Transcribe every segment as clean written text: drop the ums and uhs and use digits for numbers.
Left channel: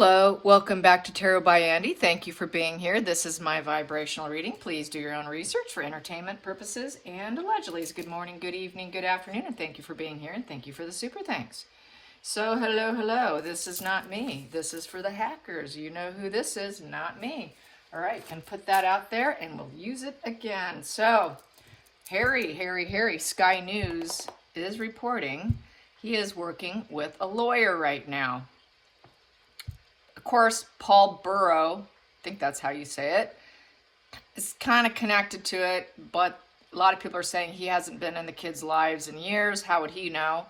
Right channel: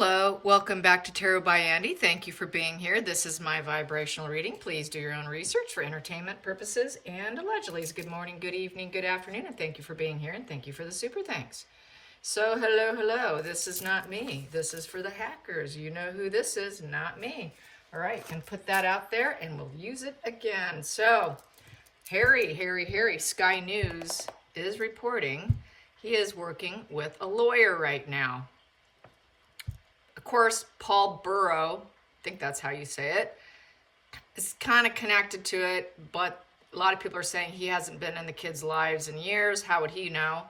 Hello, welcome back to Tarot by Andy. Thank you for being here. This is my vibrational reading. Please do your own research for entertainment purposes and allegedly. Good morning, good evening, good afternoon, and thank you for being here and thank you for the super thanks. So hello, this is not me. This is for the hackers. You know who this is, not me. All right, and put that out there and we'll use it again. So Harry, Sky News is reporting he is working with a lawyer right now. Of course, Paul Burrow, I think that's how you say it, is kind of connected to it, but a lot of people are saying he hasn't been in the kids' lives in years. How would he know?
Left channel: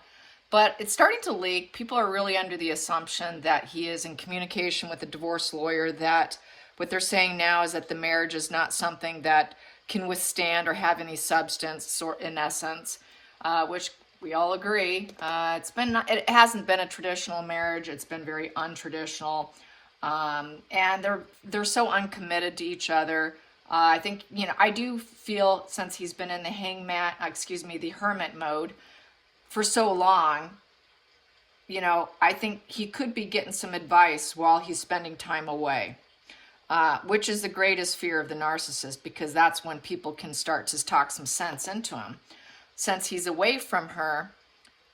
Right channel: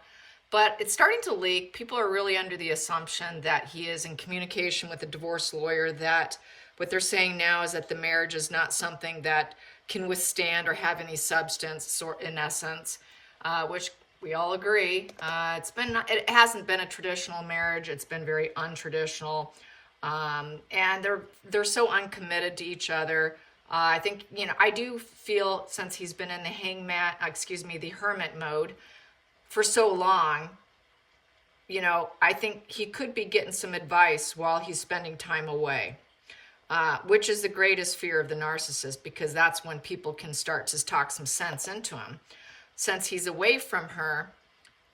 But it's starting to leak. People are really under the assumption that he is in communication with a divorce lawyer, that what they're saying now is that the marriage is not something that can withstand or have any substance, or in essence, which we all agree. It hasn't been a traditional marriage. It's been very untraditional, and they're so uncommitted to each other. I think, I do feel, since he's been in the hermit mode for so long, I think he could be getting some advice while he's spending time away, which is the greatest fear of the narcissist, because that's when people can start to talk some sense into him. Since he's away from her,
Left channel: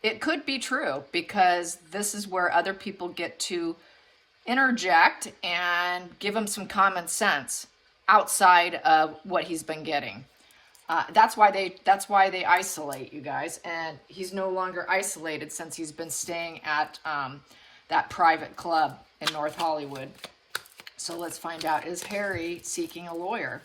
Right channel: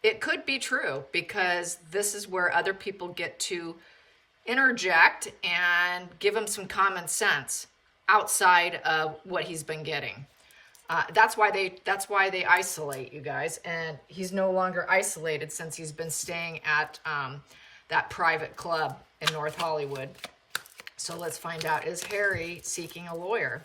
it could be true, because this is where other people get to interject and give him some common sense outside of what he's been getting. That's why they isolate, you guys. And he's no longer isolated since he's been staying at that private club in North Hollywood. So let's find out, is Harry seeking a lawyer?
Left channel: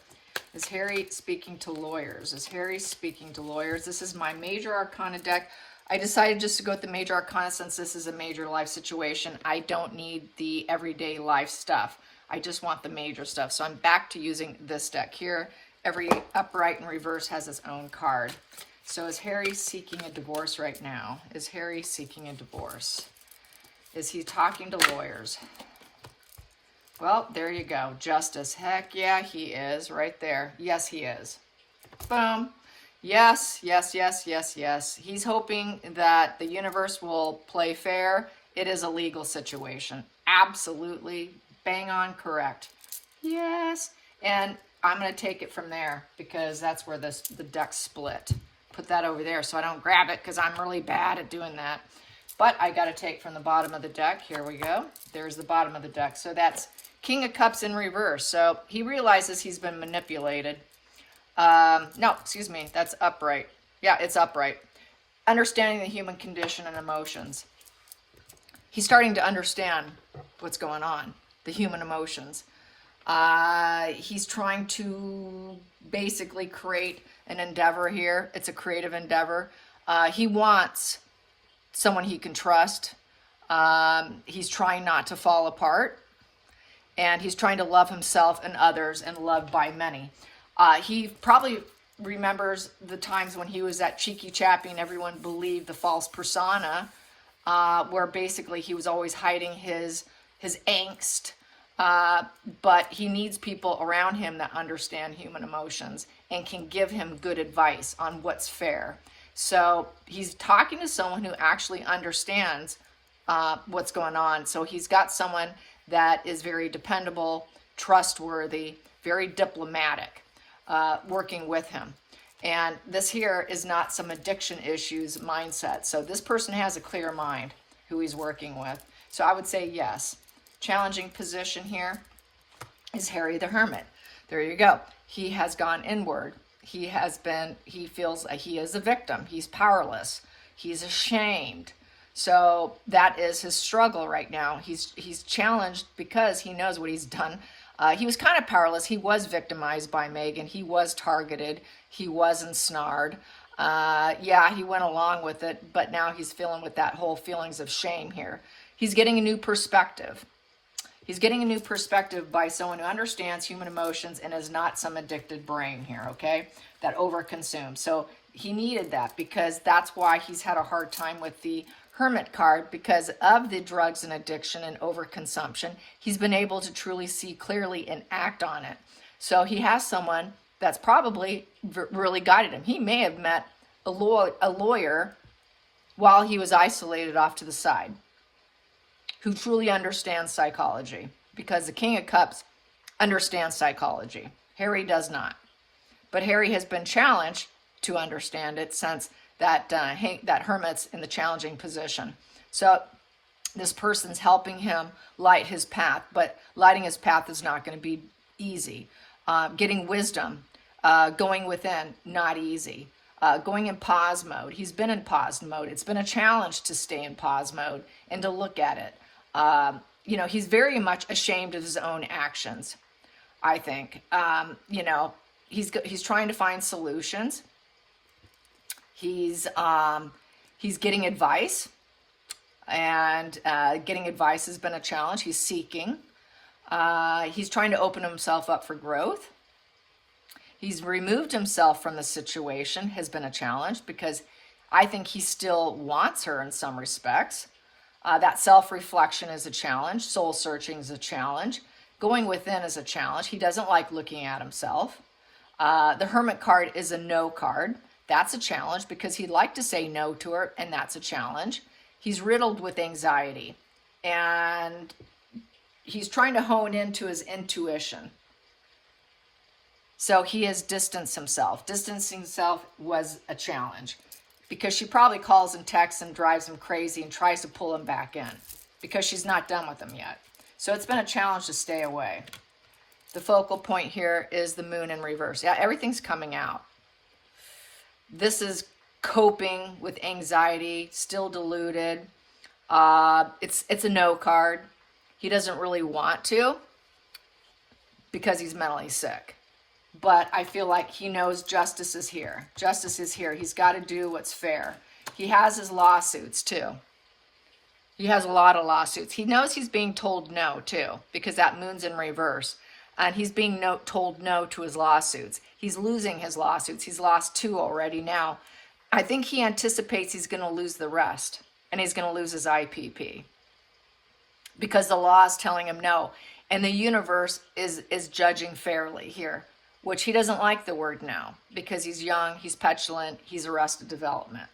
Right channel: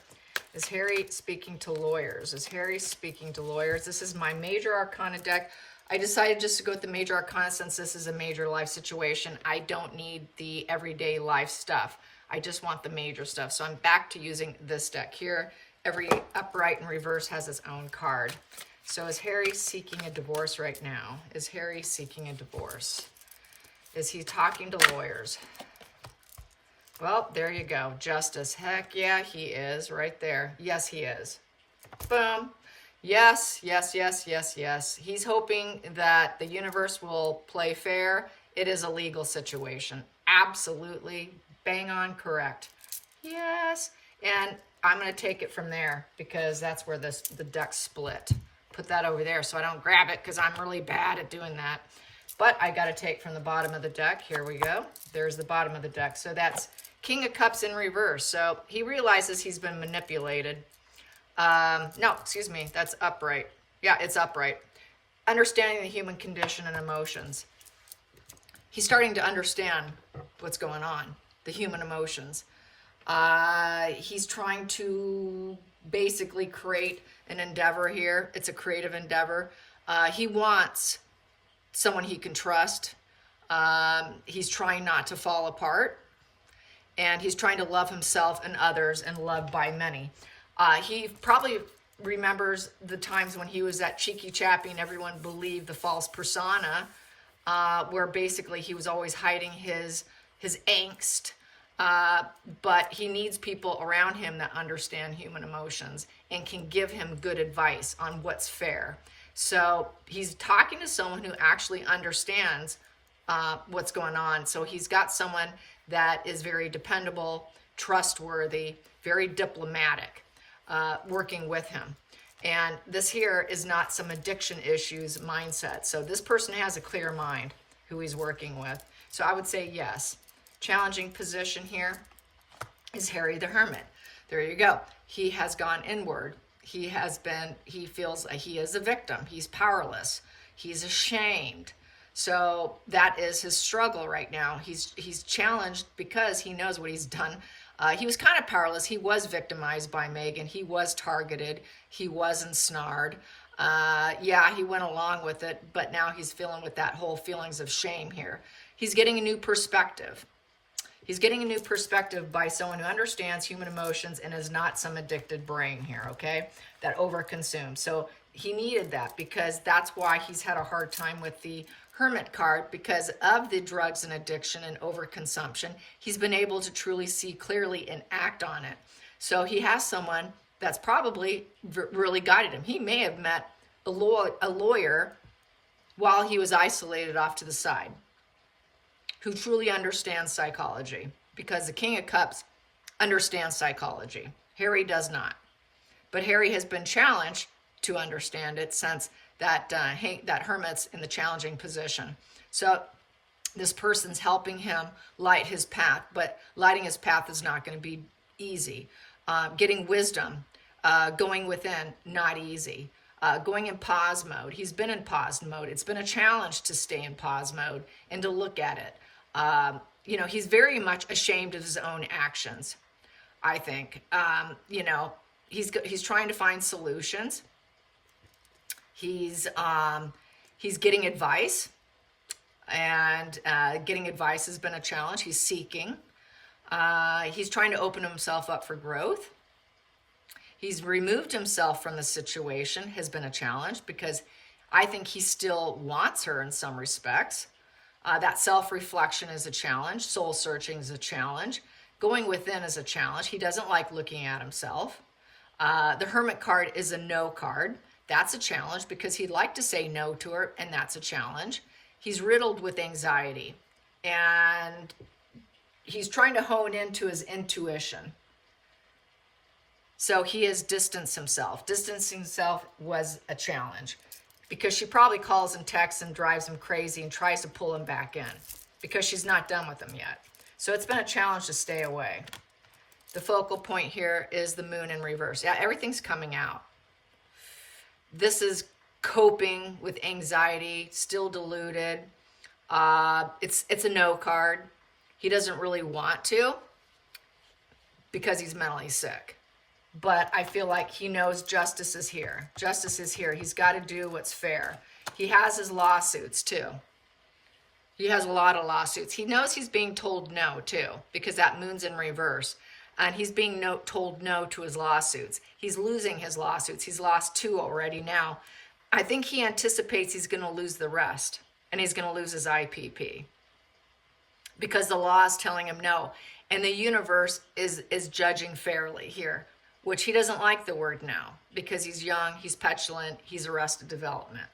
Is Harry speaking to lawyers? Is Harry speaking to lawyers? This is my Major Arcana deck. I decided just to go with the Major Arcana since this is a major life situation. I don't need the everyday life stuff. I just want the major stuff. So I'm back to using this deck here. Every upright and reverse has its own card. So is Harry seeking a divorce right now? Is Harry seeking a divorce? Is he talking to lawyers? Well, there you go. Justice. Heck yeah, he is right there. Yes, he is. Boom. Yes. He's hoping that the universe will play fair. It is a legal situation. Absolutely. Bang on correct. Yes. And I'm going to take it from there, because that's where the deck split. Put that over there so I don't grab it, because I'm really bad at doing that. But I got to take from the bottom of the deck. Here we go. There's the bottom of the deck. So that's King of Cups in reverse. So he realizes he's been manipulated. No, excuse me. That's upright. Yeah, it's upright. Understanding the human condition and emotions. He's starting to understand what's going on, the human emotions. He's trying to basically create an endeavor here. It's a creative endeavor. He wants someone he can trust. He's trying not to fall apart. And he's trying to love himself and others and loved by many. He probably remembers the times when he was that cheeky chappy and everyone believed the false persona, where basically he was always hiding his angst. But he needs people around him that understand human emotions and can give him good advice on what's fair. So he's talking to someone who actually understands what's going on. So he's got someone that is very dependable, trustworthy, very diplomatic, working with him. And this here is not some addiction issues mindset. So this person has a clear mind who he's working with. So I would say yes. Challenging position here is Harry the Hermit. There you go. He has gone inward. He feels like he is a victim. He's powerless. He's ashamed. So that is his struggle right now. He's challenged because he knows what he's done. He was kind of powerless. He was victimized by Megan. He was targeted. He was ensnared. Yeah, he went along with it, but now he's feeling with that whole feelings of shame here. He's getting a new perspective. He's getting a new perspective by someone who understands human emotions and is not some addicted brain here, okay, that overconsumes. So he needed that, because that's why he's had a hard time with the Hermit card, because of the drugs and addiction and overconsumption. He's been able to truly see clearly and act on it. So he has someone that's probably really guided him. He may have met a lawyer while he was isolated off to the side. who truly understands psychology, because the King of Cups understands psychology. Harry does not. But Harry has been challenged to understand it since that Hermit's in the challenging position. So this person's helping him light his path, but lighting his path is not going to be easy. Getting wisdom, going within, not easy. Going in pause mode. He's been in pause mode. It's been a challenge to stay in pause mode and to look at it. He's very much ashamed of his own actions, I think. He's trying to find solutions. He's getting advice, and getting advice has been a challenge. He's seeking. He's trying to open himself up for growth. He's removed himself from the situation, has been a challenge, because I think he still wants her in some respects. That self-reflection is a challenge. Soul searching is a challenge. Going within is a challenge. He doesn't like looking at himself. The Hermit card is a no card. That's a challenge because he'd like to say no to her, and that's a challenge. He's riddled with anxiety, and he's trying to hone into his intuition. So he has distanced himself. Distancing himself was a challenge because she probably calls him, texts him, drives him crazy, and tries to pull him back in because she's not done with him yet. So it's been a challenge to stay away. The focal point here is the moon in reverse. Yeah, everything's coming out. This is coping with anxiety, still deluded. It's a no card. He doesn't really want to because he's mentally sick. But I feel like he knows justice is here. Justice is here. He's got to do what's fair. He has his lawsuits too. He has a lot of lawsuits. He knows he's being told no too, because that moon's in reverse. And he's being told no to his lawsuits. He's losing his lawsuits. He's lost 2 already now. I think he anticipates he's going to lose the rest. And he's going to lose his IPP. Because the law is telling him no. And the universe is judging fairly here. Which he doesn't like the word no. Because he's young, he's petulant, he's arrested development.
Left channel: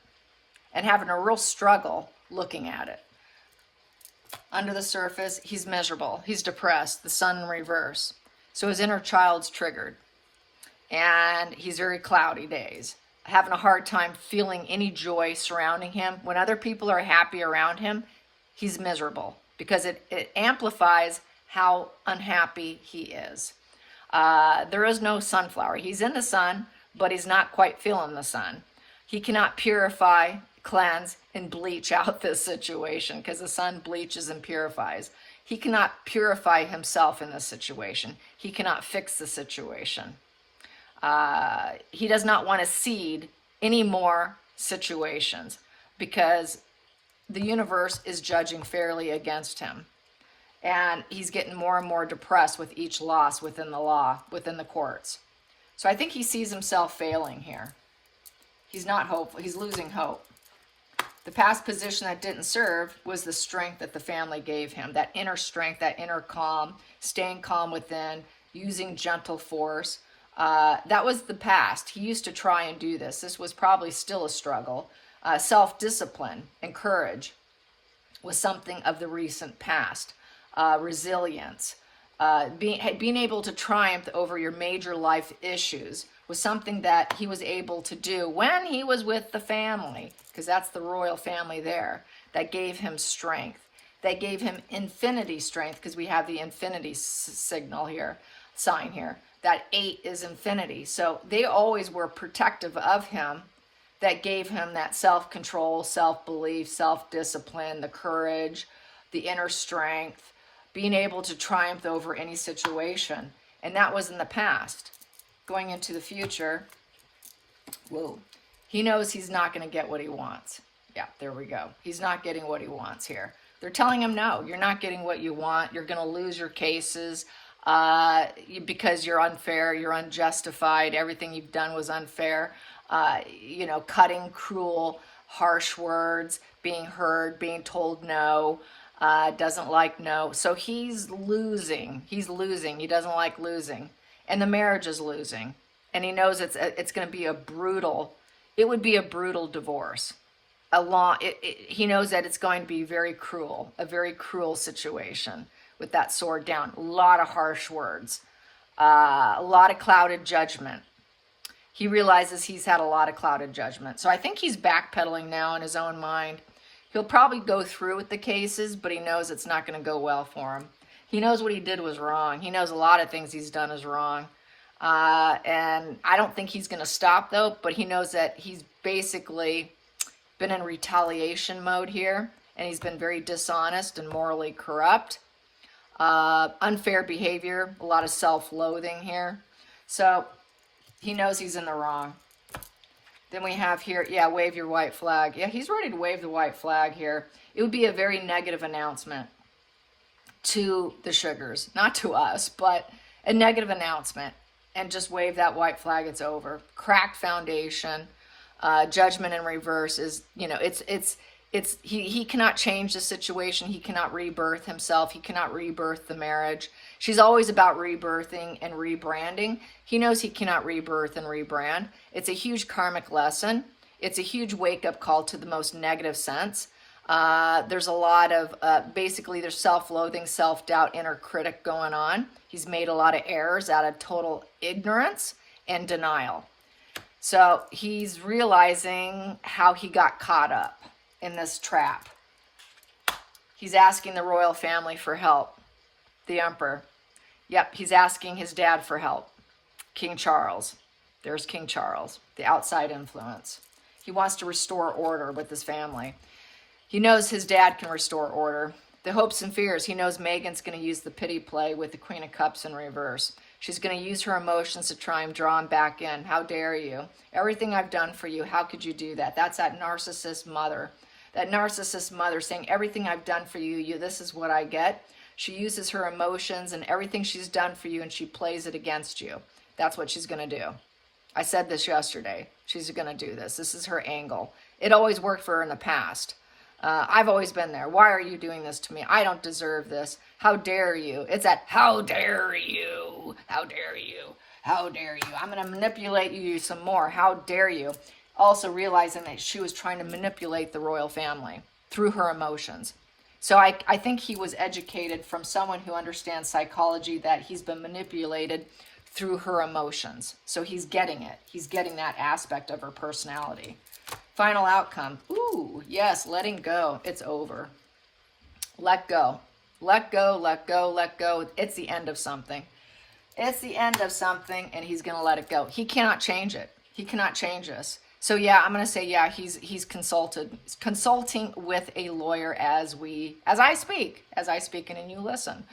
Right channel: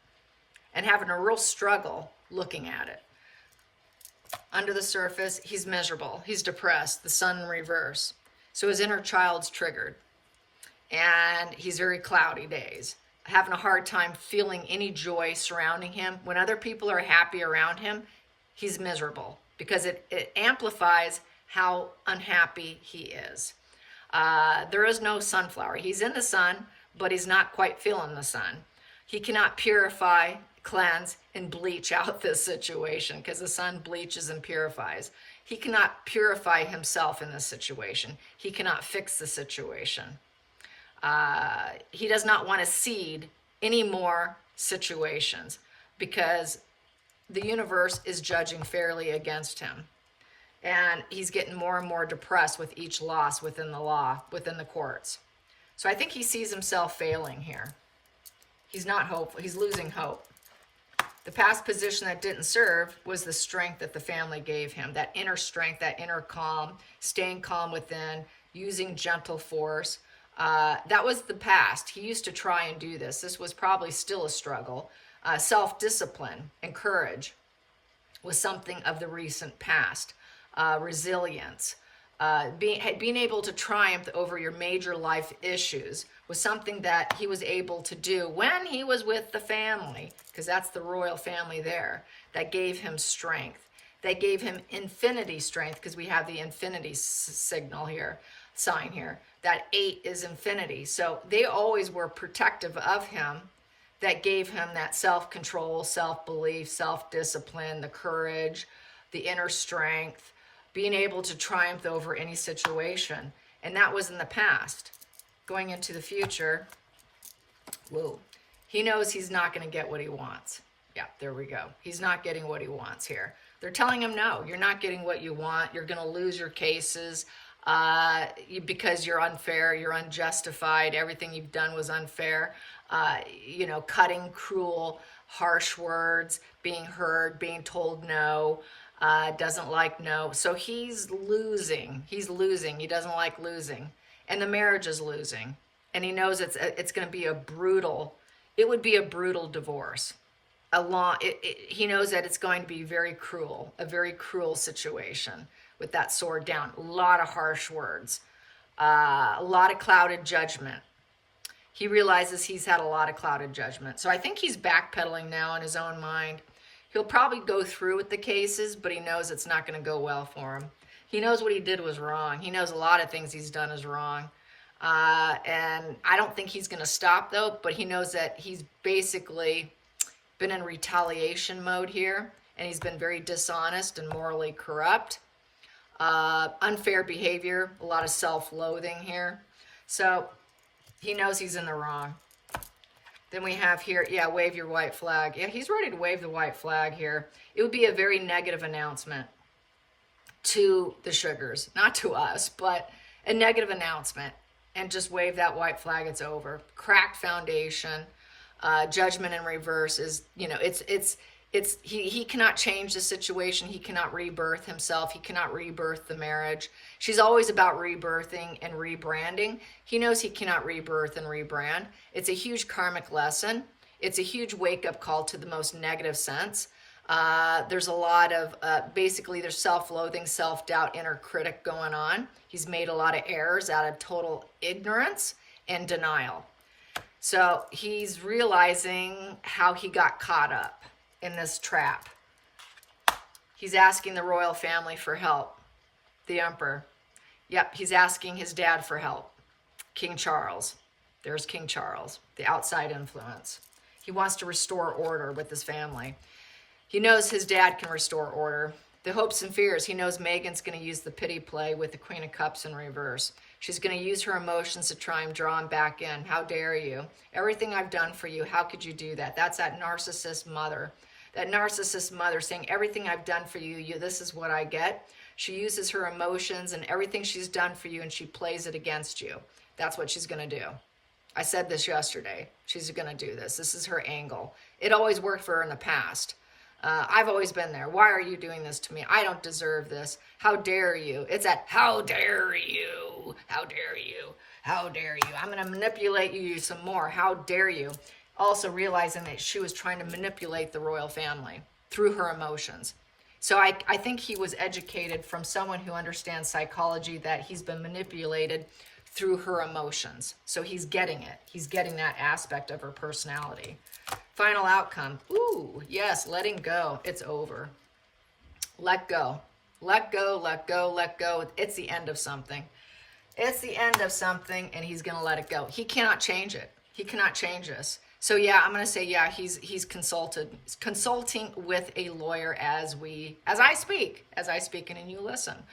And having a real struggle looking at it. Under the surface, he's miserable. He's depressed. The sun in reverse. So his inner child's triggered. And he's very cloudy days. Having a hard time feeling any joy surrounding him. When other people are happy around him, he's miserable. Because it amplifies how unhappy he is. There is no sunflower. He's in the sun, but he's not quite feeling the sun. He cannot purify, cleanse, and bleach out this situation because the sun bleaches and purifies. He cannot purify himself in this situation. He cannot fix the situation. He does not want to seed any more situations because the universe is judging fairly against him. And he's getting more and more depressed with each loss within the law, within the courts. So I think he sees himself failing here. He's not hopeful. He's losing hope. The past position that didn't serve was the strength that the family gave him. That inner strength, that inner calm, staying calm within, using gentle force. That was the past. He used to try and do this. This was probably still a struggle. Self-discipline and courage was something of the recent past. Resilience, being able to triumph over your major life issues was something that he was able to do when he was with the family, because that's the royal family there, that gave him strength. That gave him infinity strength, because we have the infinity signal here, sign here. That 8 is infinity. So they always were protective of him. That gave him that self-control, self-belief, self-discipline, the courage, the inner strength, being able to triumph over any situation. And that was in the past. Going into the future, whoa, he knows he's not going to get what he wants. Yeah, there we go. He's not getting what he wants here. They're telling him, no, you're not getting what you want. You're going to lose your cases because you're unfair, you're unjustified. Everything you've done was unfair. Cutting, cruel, harsh words, being heard, being told no. Doesn't like no. So he's losing. He's losing. He doesn't like losing. And the marriage is losing. And he knows it's going to be it would be a brutal divorce. he knows that it's going to be very cruel, a very cruel situation with that sword down. A lot of harsh words, a lot of clouded judgment. He realizes he's had a lot of clouded judgment. So I think he's backpedaling now in his own mind. He'll probably go through with the cases, but he knows it's not going to go well for him. He knows what he did was wrong. He knows a lot of things he's done is wrong. And I don't think he's going to stop, though, but he knows that he's basically been in retaliation mode here, and he's been very dishonest and morally corrupt. Unfair behavior, a lot of self-loathing here. So he knows he's in the wrong. Then we have here, yeah, wave your white flag. Yeah, he's ready to wave the white flag here. It would be a very negative announcement to the Sugars, not to us, but a negative announcement, and just wave that white flag. It's over. Cracked foundation, judgment in reverse is, you know, he cannot change the situation. He cannot rebirth himself. He cannot rebirth the marriage. She's always about rebirthing and rebranding. He knows he cannot rebirth and rebrand. It's a huge karmic lesson. It's a huge wake-up call to the most negative sense. There's a lot of, basically there's self-loathing, self-doubt, inner critic going on. He's made a lot of errors out of total ignorance and denial. So he's realizing how he got caught up in this trap. He's asking the royal family for help. The emperor. Yep, he's asking his dad for help. King Charles. There's King Charles, the outside influence. He wants to restore order with his family. He knows his dad can restore order. The hopes and fears. He knows Meghan's going to use the pity play with the Queen of Cups in reverse. She's going to use her emotions to try and draw him back in. How dare you? Everything I've done for you, how could you do that? That's that narcissist mother. That narcissist mother saying, everything I've done for you, this is what I get. She uses her emotions and everything she's done for you, and she plays it against you. That's what she's going to do. I said this yesterday. She's going to do this. This is her angle. It always worked for her in the past. I've always been there. Why are you doing this to me? I don't deserve this. How dare you? It's that, how dare you? How dare you? How dare you? I'm going to manipulate you some more. How dare you? Also realizing that she was trying to manipulate the royal family through her emotions. So I think he was educated from someone who understands psychology, that he's been manipulated through her emotions. So he's getting it. He's getting that aspect of her personality. Final outcome. Ooh, yes, letting go. It's over. Let go. Let go, let go, let go. It's the end of something. It's the end of something, and he's going to let it go. He cannot change it. He cannot change this. So yeah, I'm going to say, yeah, he's consulting with a lawyer as I speak and you listen.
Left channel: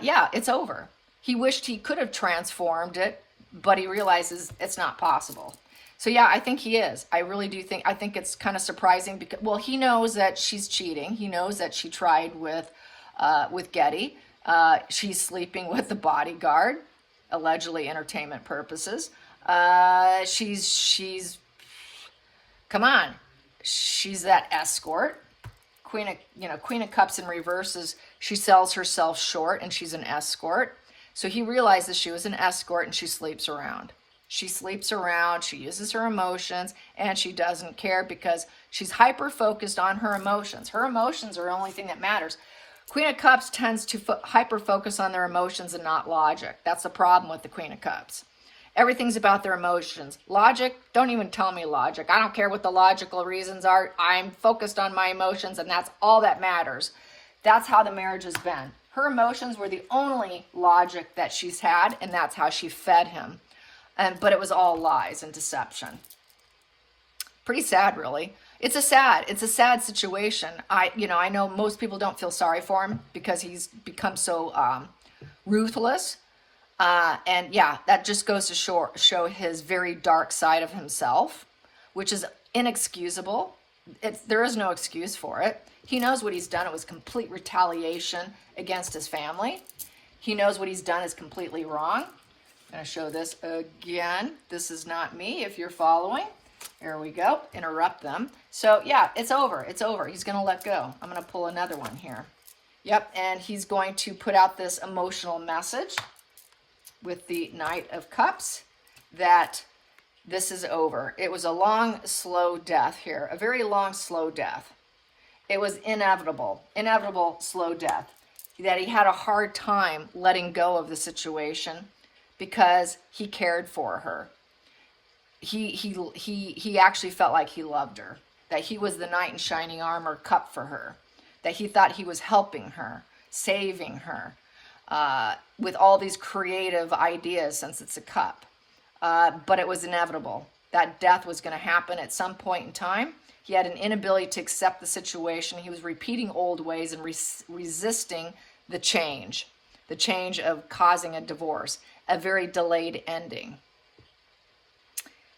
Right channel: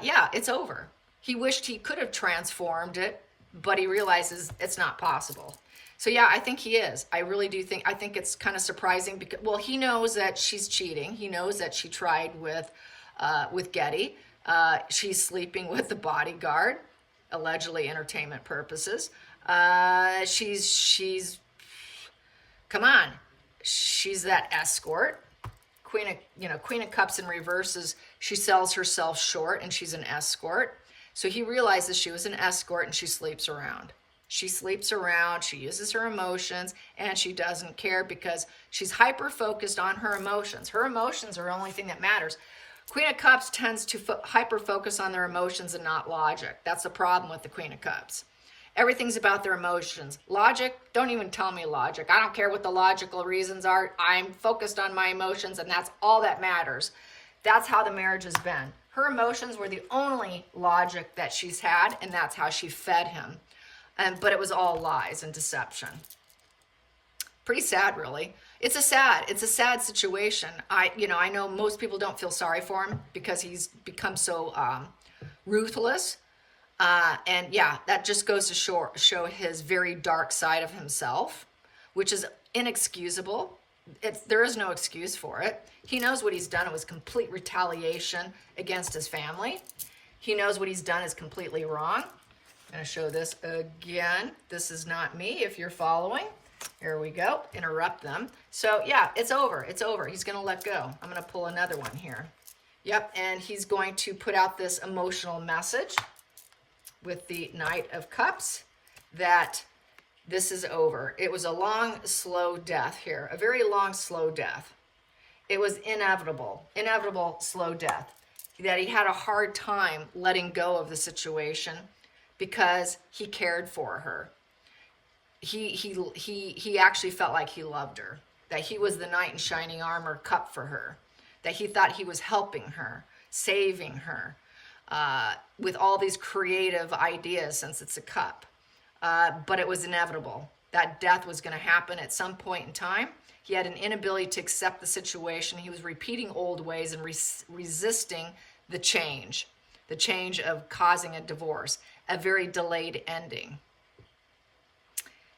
Yeah, it's over. He wished he could have transformed it, but he realizes it's not possible. So yeah, I think he is. I really do think, I think it's kind of surprising because, well, he knows that she's cheating. He knows that she tried with Getty. She's sleeping with the bodyguard, allegedly entertainment purposes. Come on. She's that escort. Queen of Cups in reverse is she sells herself short and she's an escort. So he realizes she was an escort and she sleeps around. She sleeps around, she uses her emotions, and she doesn't care because she's hyper-focused on her emotions. Her emotions are the only thing that matters. Queen of Cups tends to hyper-focus on their emotions and not logic. That's the problem with the Queen of Cups. Everything's about their emotions. Logic, don't even tell me logic. I don't care what the logical reasons are. I'm focused on my emotions, and that's all that matters. That's how the marriage has been. Her emotions were the only logic that she's had, and that's how she fed him. But it was all lies and deception. Pretty sad, really. It's a sad situation. I know most people don't feel sorry for him because he's become so ruthless. And yeah, that just goes to show his very dark side of himself, which is inexcusable. There is no excuse for it. He knows what he's done. It was complete retaliation against his family. He knows what he's done is completely wrong. I'm going to show this again. This is not me if you're following. Here we go. Interrupt them. So yeah, it's over. It's over. He's going to let go. I'm going to pull another one here. Yep, and he's going to put out this emotional message with the Knight of Cups that this is over. It was a long, slow death here, a very long, slow death. It was inevitable slow death, that he had a hard time letting go of the situation because he cared for her. He actually felt like he loved her, that he was the knight in shining armor cup for her, that he thought he was helping her, saving her, with all these creative ideas, since it's a cup. But it was inevitable. That death was going to happen at some point in time. He had an inability to accept the situation. He was repeating old ways and resisting the change of causing a divorce, a very delayed ending.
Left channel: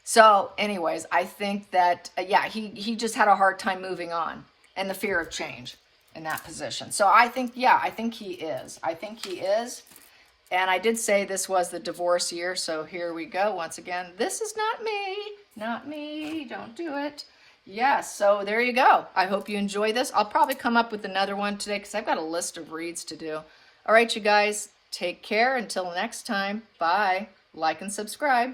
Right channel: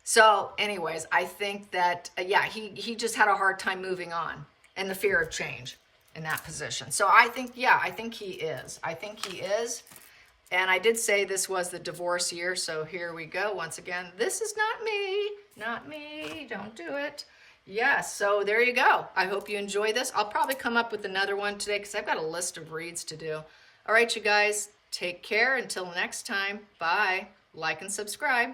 So anyways, I think that, yeah, he just had a hard time moving on, and the fear of change in that position. So I think, yeah, I think he is. I think he is. And I did say this was the divorce year, so here we go. Once again, this is not me. Not me. Don't do it. Yes, so there you go. I hope you enjoy this. I'll probably come up with another one today because I've got a list of reads to do. All right, you guys, take care. Until next time, bye. Like and subscribe.